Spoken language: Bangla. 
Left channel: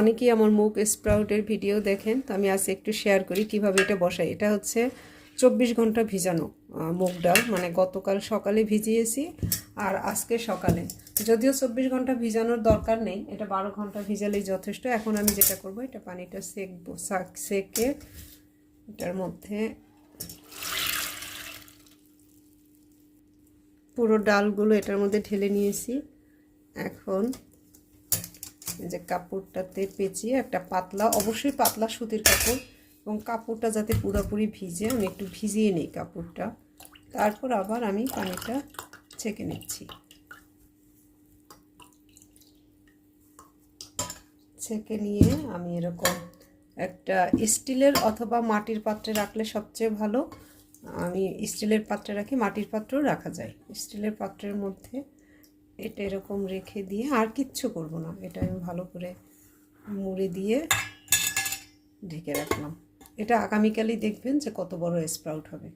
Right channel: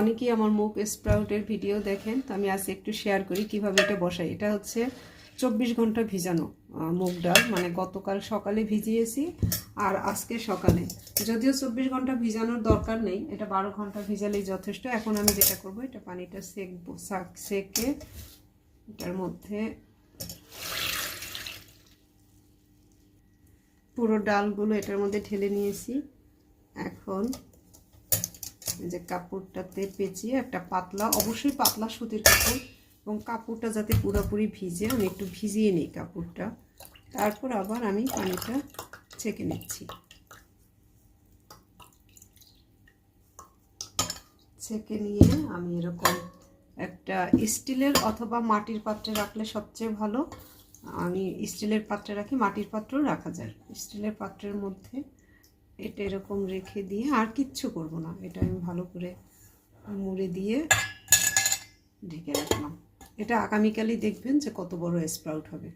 অনেকেই আমার মুগ স্প্রাউটের ভিডিও দেখেন, তো আমি আজকে একটু শেয়ার করি কিভাবে এটা বসাই। এটা হচ্ছে 24 ঘন্টা ভিজানো মুগ ডাল, মানে গতকাল সকালে ভিজিয়েছি আর আজকে সকালে। যদিও 24 ঘন্টা ভিজানোর দরকার নেই, এটা 12 ঘন্টা ভিজালেই যথেষ্ট। এখন আমি যেটা করব, এটা পানিটা সেকে এটার মধ্যে পুরো ডালগুলো এটার মধ্যে ঢেলে নিয়েছি। এখন যে কাপড়টাতে পেঁচিয়ে একটা পাতলা, অবশ্যই পাতলা সুতির কাপড়, এবং কাপড়টা যাতে পুরোপুরি ভিজে, আমি একটু ভিজিয়ে নিই কাপড়টা। তারপর আবার আমি পানিটা ছেঁকে নিচ্ছি। ছেঁকে নিয়ে আমি এরকম একটা স্টিলের অথবা মাটির পাত্রে রাখলে সবচেয়ে ভালো। আমি স্টিলের পাত্রে রাখি, মাটির পাত্রেও রাখা যায়। স্টিলের পাত্রের মধ্যে এটা এরকম রেখে দিয়ে আর কিচ্ছু করব না, এটা আমি ভালো করে মুড়ে দিয়ে ঢেকে রাখলাম। এটা আগামীকালই দেখবেন যে কত বড় স্প্রাউট হবে।